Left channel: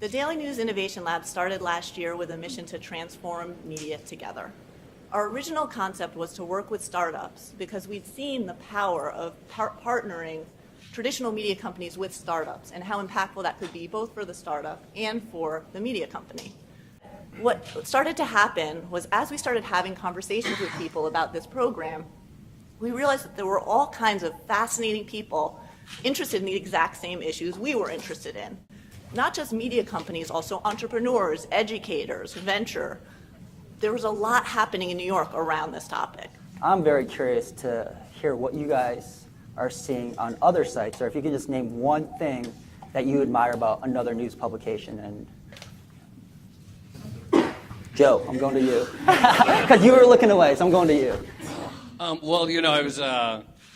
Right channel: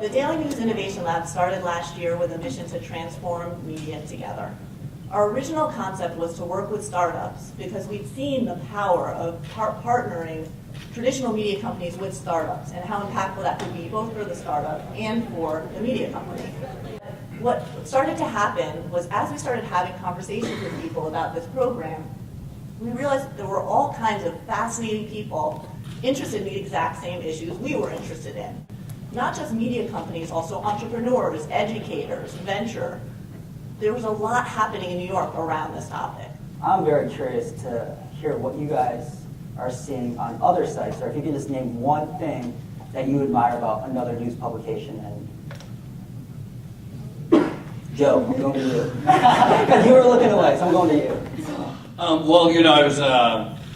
The Daily News Innovation Lab started last year with a mission to transform media together. Our original concept was to work with startups because we'd seen the power of partnering traditional media companies with startups and how impactful that could be both for the startup and for the media company. What started to happen was as we started having conversations with people about this program, we realized that there were all kinds of fascinating people interested in the exact same issues we were interested in. Not just media companies, also entrepreneurs, educators, venture. There was a lot happening in New York around this topic. I'm very curious to hear what you guys are seeing on other sites, or if you could just name one thing that you admire about another news publication. And Joe, I'm going to you. Because you were looking away, so I'm going to you. Well,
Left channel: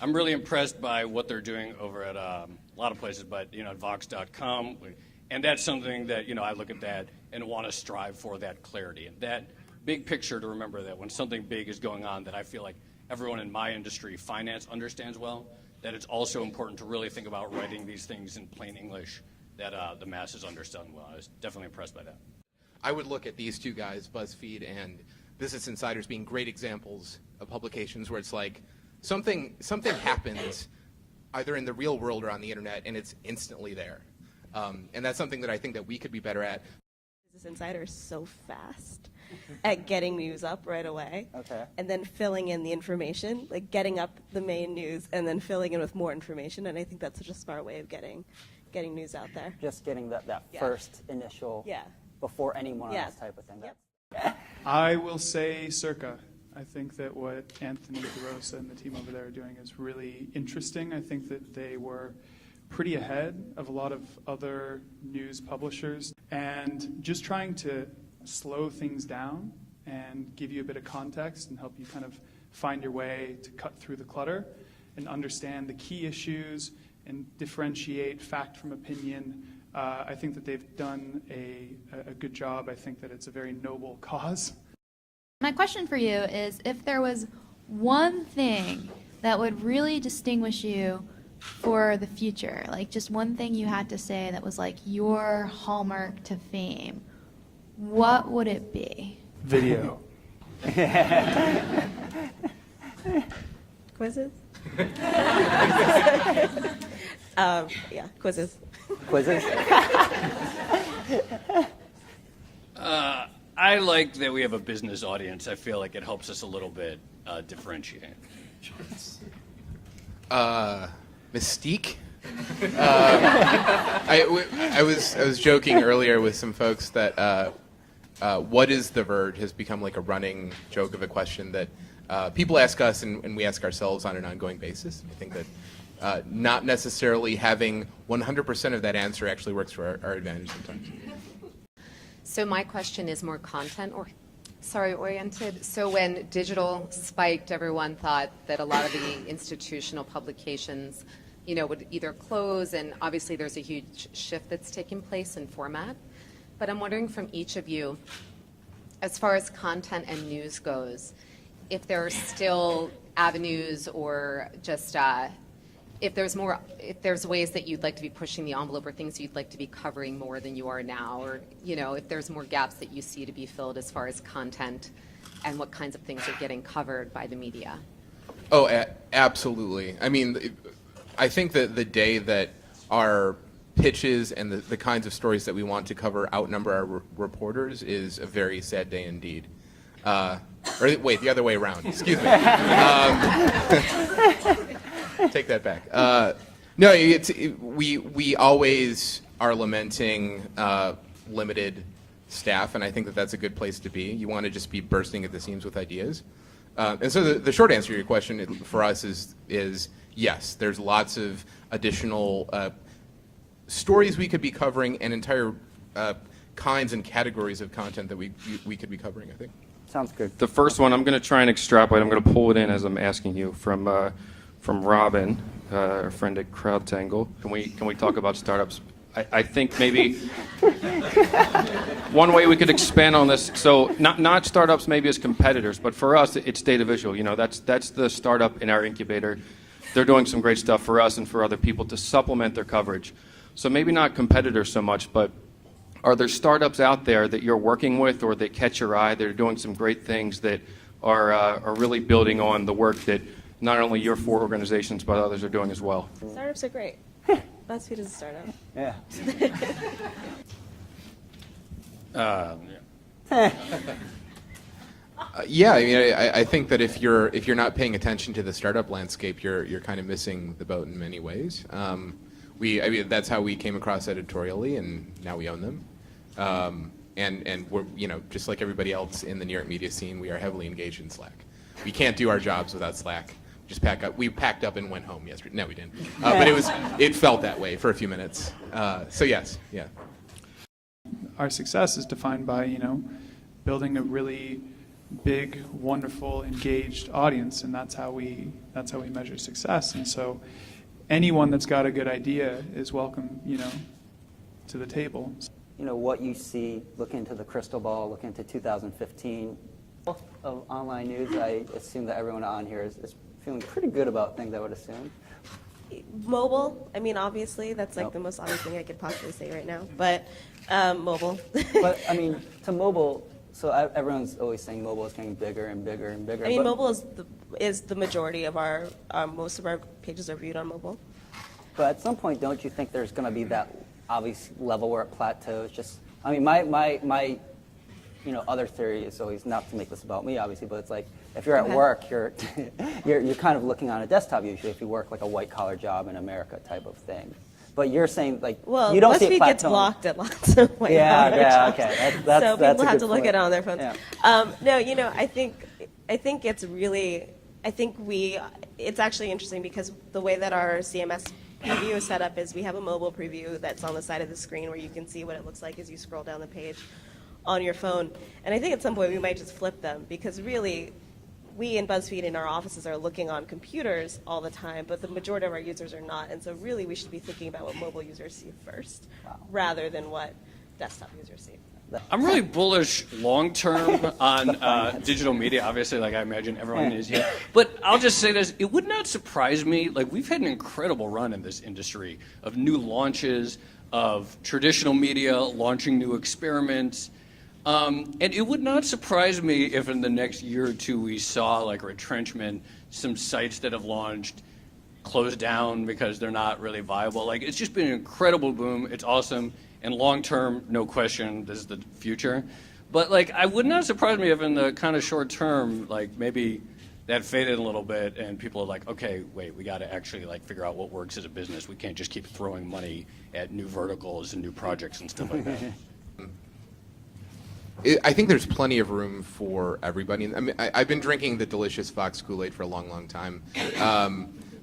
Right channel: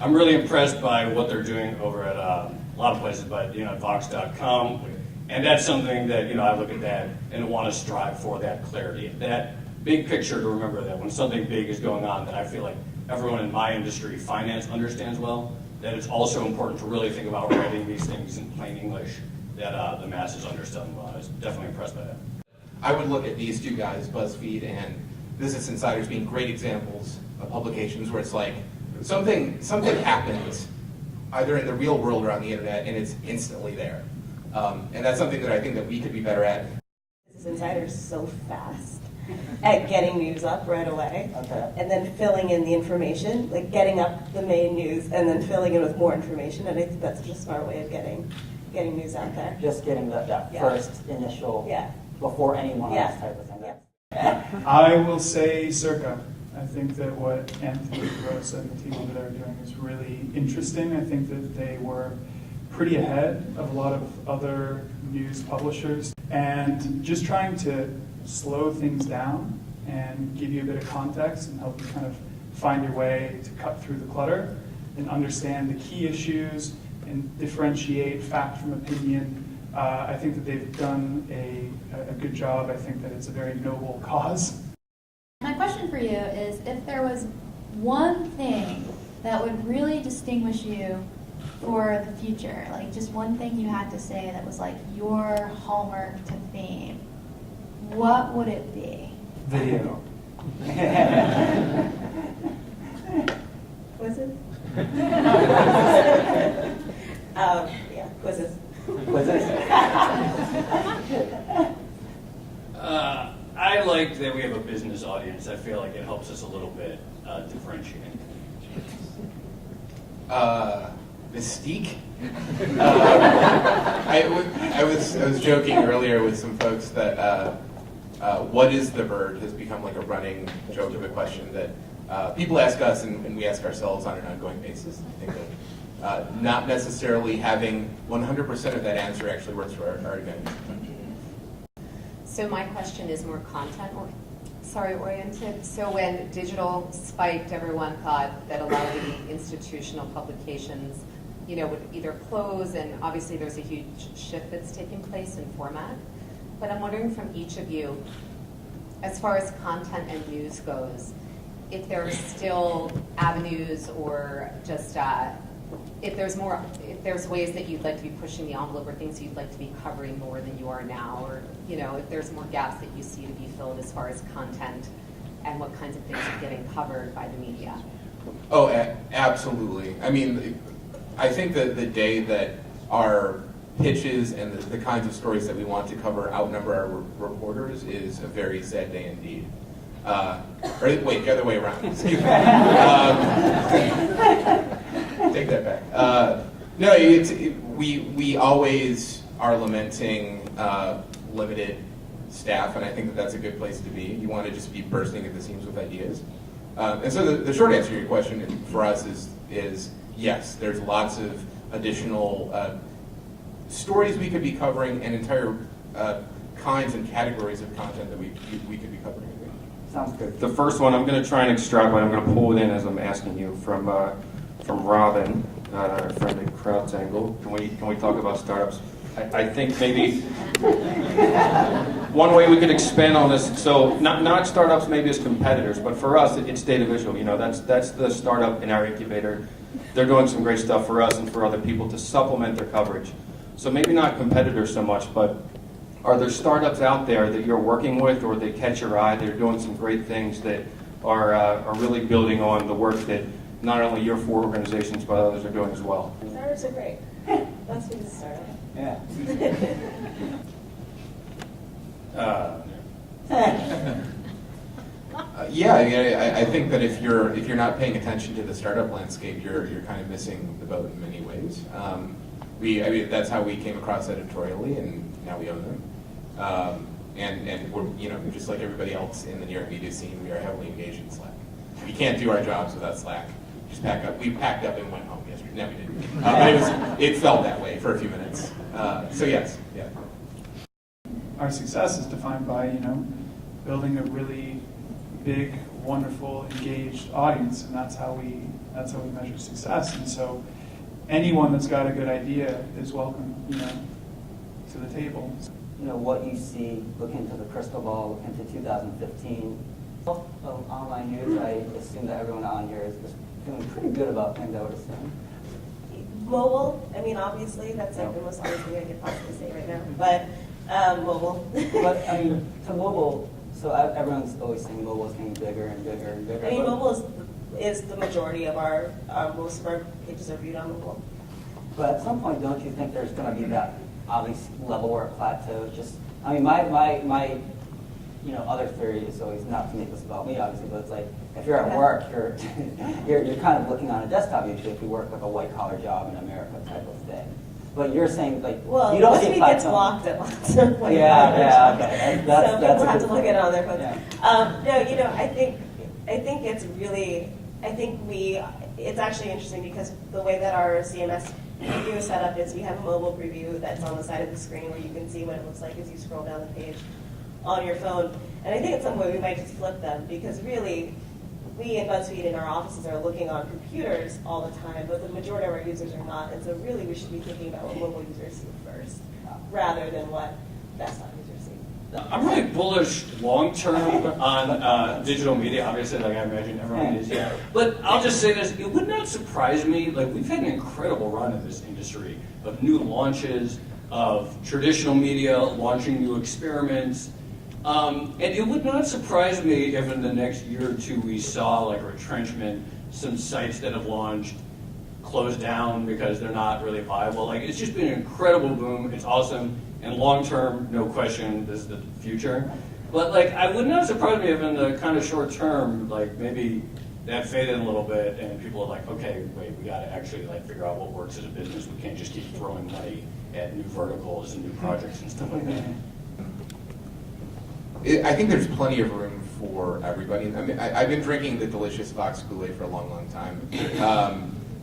I'm really impressed by what they're doing over at a lot of places, but at Vox.com, and that's something that I look at that and want to strive for that clarity, that big picture, to remember that when something big is going on, that I feel like everyone in my industry, finance, understands well, that it's also important to really think about writing these things in plain English that the masses understand well. I was definitely impressed by that. I would look at these two guys, BuzzFeed and Business Insiders, being great examples of publications where it's like something happens either in the real world or on the internet, and it's instantly there. And that's something that I think that we could be better at. Business Insider's so fast at getting news up right away, and then filling in the information, like getting up the main news and then filling in with more information. And I think that's just a smart way of getting news out there. Just getting that first initial, before anyone else type of thing. Yeah. I will say Circa. I think that what Anthony Gross and the team over there are doing is really interesting. I think that they were pretty ahead of a lot of other news publishers, and just trying to slow things down and give you a bit of context and help you kind of find your way to cut through the clutter and understand the key issues and differentiate fact from opinion. I think that they've done a good job. I think that it's a very noble cause. My question for you is, if there was one thing that would really distinguish you for the future, like just one thing you had to say that was like your hallmark to fame, what would it be? Video. Quizzes? Quizzes. Quizzes? I like that we have a business audience. I feel like it helps us a little bit differentiate. Mystique. I was joking earlier with some folks that what is the Verge has become like a running joke of a question that people ask us and we ask ourselves on an ongoing basis. I think that not necessarily having 100% of that answer actually works for our advantage. So my question is more oriented. So when digital spiked, everyone thought that a lot of the institutional publications, would either close, and obviously there's a huge shift that's taking place in format. But I'm wondering from each of you, as far as content and news goes, if there are still avenues or just if there's ways that you'd like to be pushing the envelope or things you'd like to be covering more than you are now, or if there's more gaps that you see to be filled as far as content and what kinds of things are getting covered by the media. Oh, absolutely. I mean, I think that the day that our pitches and the kinds of stories that we want to cover outnumber our reporters is a very sad day indeed. Or wait, the other way around. Excuse me. Take that back. No, we always are lamenting limited staff, and I think that that's a good place to be. You want to just be bursting at the seams with ideas. And so the short answer to your question for us is yes, there's lots of additional stories we could be covering and entire kinds and categories of content that we could be covering, I think. Sounds good. The first one, I'm going to try and extrapolate. I'm going to pull it in as I'm asking you from Robin, a friend at CrowdTangle. Can we talk about startups? I think maybe one way we could expand on this. So not startups maybe as competitors, but for us it's data visual. That's the startup in our incubator. They're doing some great stuff for us and for other people to supplement their coverage. So maybe not competitors so much, but are there startups out there that you're working with or that catch your eye that are doing some great things that are really building on the work that not only your 4 organizations but others are doing as well? Startups are great. BuzzFeed is a startup. Yeah. Yeah, I mean, I think that if you're not paying attention to the startup landscape, you're kind of missing the boat in many ways. I mean, that's how we came across editorially, and now we own them. And we're, just like everybody else in the near media scene, we are heavily engaged in Slack. We can't do our jobs without Slack. Just pack up. We packed up and went home yesterday. No, we didn't. But it felt that way for a few minutes. So yes, yeah. Our success is defined by, building a really big, wonderful, engaged audience, and that's how we measure success. And so, anyone that's got a good idea is welcome, to the table. What you see, look into the crystal ball, look into 2015 of online news. I assume that everyone on here is feeling pretty good about things, I would assume. Mobile, I mean, obviously, that's like the most obvious thing I could possibly say right now, but mobile. But, I mean, to mobile, so everyone's always saying mobile is getting bigger and bigger and bigger. I mean, mobile is the majority of most of our pages are viewed on mobile. But at some point, don't you think there's going to be that obvious level where it plateaus? Just, I mean, my other theory is always not to make this about me, obviously, but it's like if you're at work, you're kind of looking on a desktop usually if you work like a white collar job in America type of thing. But you're saying like you don't see it BuzzFeed gets plateauing. Blocked at lots of white collar jobs. Okay. So people have to look at it on their phones. Yeah. No, I think it's really, it's actually interesting because the way that our CMS preview is set up is we have a mobile preview that's on the side of the screen where you can see what it looks like as you scroll down the page on your phone. And I think at some point we might just flip them because really we in BuzzFeed in our offices are looking on computers all the time, but the majority of our users are not. And so really we should be thinking about what mobile users see first rather than what desktop users see. I'm really bullish long term on digital media. Obviously, like I imagine everyone is here. But I'll just say this: it would not surprise me. Like we've had an incredible run in this industry of new launches, of traditional media launching new experiments, and it would not surprise me if in the next year or two we saw like retrenchment, some sites that have launched close down because they're not really viable. Like it's just been an incredible boom. It's awesome. And long term, no question, this is the future. But like, I would not surprise me if in the kind of short term, like maybe that faded a little bit, and people are like, okay, wait, we got to actually like figure out what works as a business. We can't just keep throwing money at new verticals and new projects and stuff like that. I think there's plenty of room for everybody. I mean, I've been drinking the delicious Fox Kool-Aid for a long, long time.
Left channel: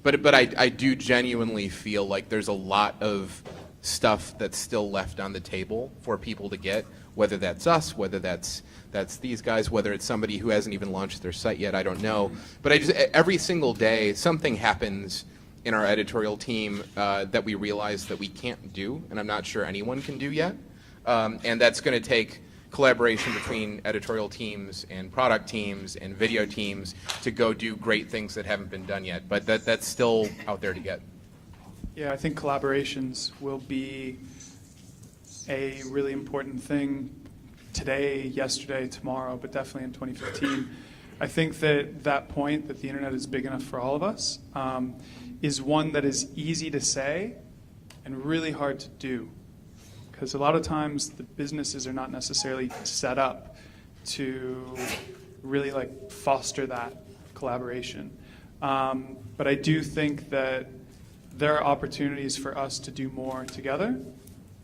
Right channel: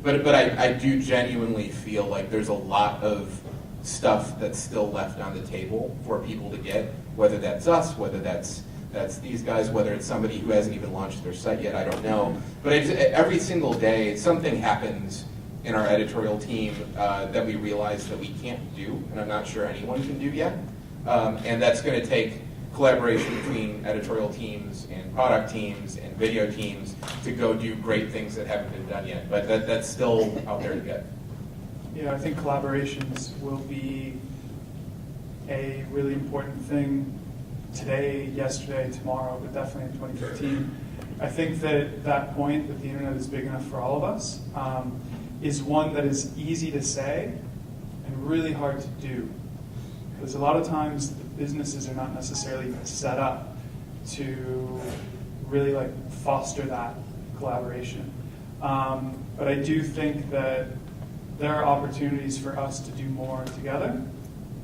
But I do genuinely feel like there's a lot of stuff that's still left on the table for people to get, whether that's us, whether that's these guys, whether it's somebody who hasn't even launched their site yet, I don't know. But every single day, something happens in our editorial team that we realize that we can't do, and I'm not sure anyone can do yet. And that's going to take collaboration between editorial teams and product teams and video teams to go do great things that haven't been done yet. But that's still out there to get. Yeah, I think collaborations will be a really important thing today, yesterday, tomorrow, but definitely in 2015. I think that that point that the internet is big enough for all of us is one that is easy to say and really hard to do. Because a lot of times the businesses are not necessarily set up to really like foster that collaboration. But I do think that there are opportunities for us to do more together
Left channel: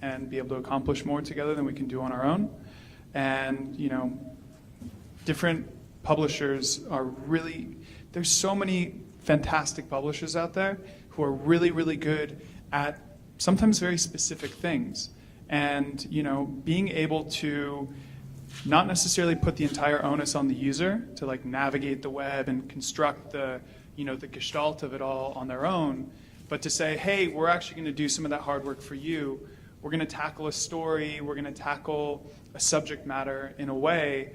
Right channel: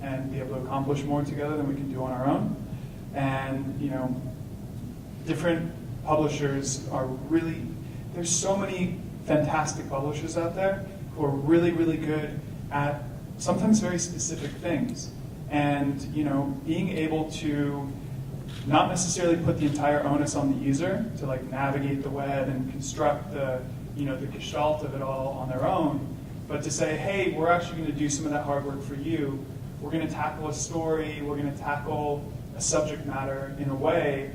and be able to accomplish more together than we can do on our own. And, different publishers are really, there's so many fantastic publishers out there who are really, really good at sometimes very specific things. And, being able to not necessarily put the entire onus on the user to like navigate the web and construct the gestalt of it all on their own, but to say, hey, we're actually going to do some of that hard work for you. We're going to tackle a story. We're going to tackle a subject matter in a way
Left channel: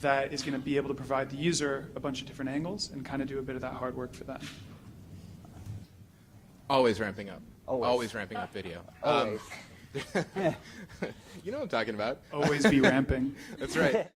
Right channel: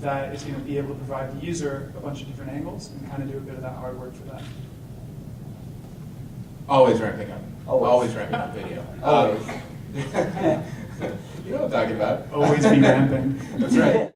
that is going to be able to provide the user a bunch of different angles and kind of do a bit of that hard work for them. Always ramping up. Always ramping up video. what I'm talking about. Always be ramping. That's right.